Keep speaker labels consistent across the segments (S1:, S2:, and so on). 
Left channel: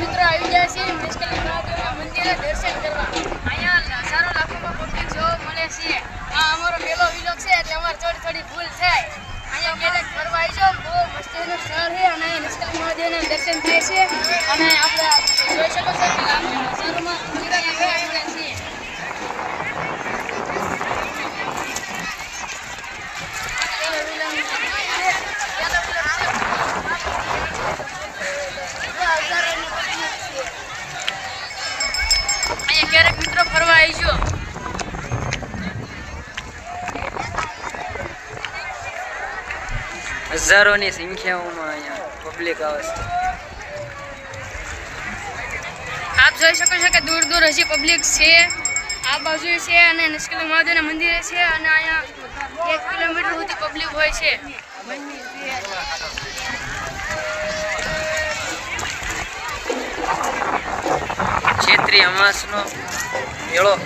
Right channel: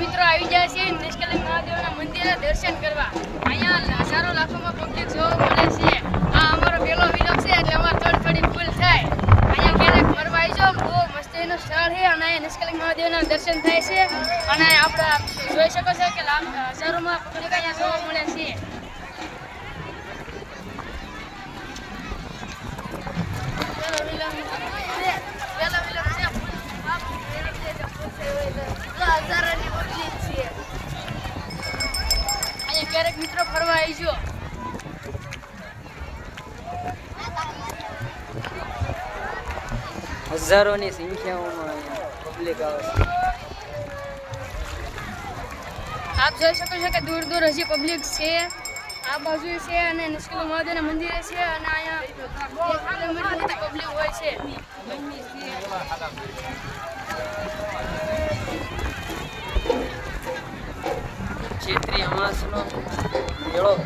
S1: મિત્રો આવી ગયા છીએ નિષ્કલિંગ મહાદેવના મંદિરે દર્શન કરવા. અહીંયા હજારો લાખોમાં પબ્લિક જોવા મળે છે. આ અમારો મેલો વિલોક છે એટલે અમારે થોડી થોડી ભૂલ થાય. અહીંયા મેળે ફરવા આવી જાઓ. બહુ મસ્તીનું સ્થળ છે અને અહીંયા નિષ્કલિંગ મહાદેવના દર્શન થાય છે. અને આપણે જોઈ શકો છો કે લાંબા હજારોમાં પબ્લિક અહીંયા જોવા મળે છે મેલો વિલોક છે. મેલો વિલોક છે. હજારોની public છે. અહીંયા ક્યારેક આવીજો
S2: હજારોની સંખ્યાઓમાં અહીંયા પબ્લિક આવે છે.
S1: આપ જોઈ શકો છો કે દૂર દૂર હજી પબ્લિક છે. આ બાજુ છે અને નિષ્કલ મહાદેવના મંદિરે છે અને અહીંયા એક કિલોમીટર સુધી પબ્લિક હોય છે.
S2: ચૈત્રી અમાસનો મેળો.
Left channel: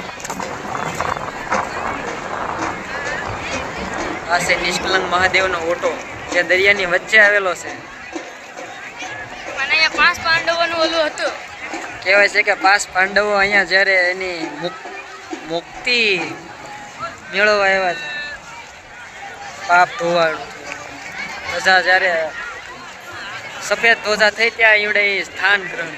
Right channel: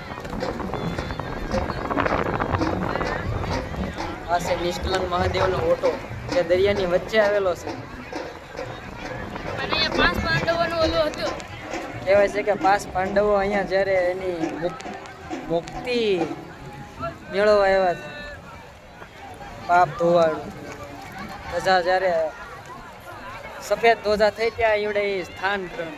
S2: આ છે નિષ્કલંક મહાદેવનો ઓટો જે દરિયાની વચ્ચે આવેલો છે. કહેવાય છે કે પાંચ પાંડવો અહીંયા જ્યારે એની મુક- મુક્તિ મેળવવા આવ્યા હતા. પાપ ધોવાળું ધજા જ્યારે સફેદ ધોજા થઈ ત્યાં એવડે સ્થાન ગ્રહણ.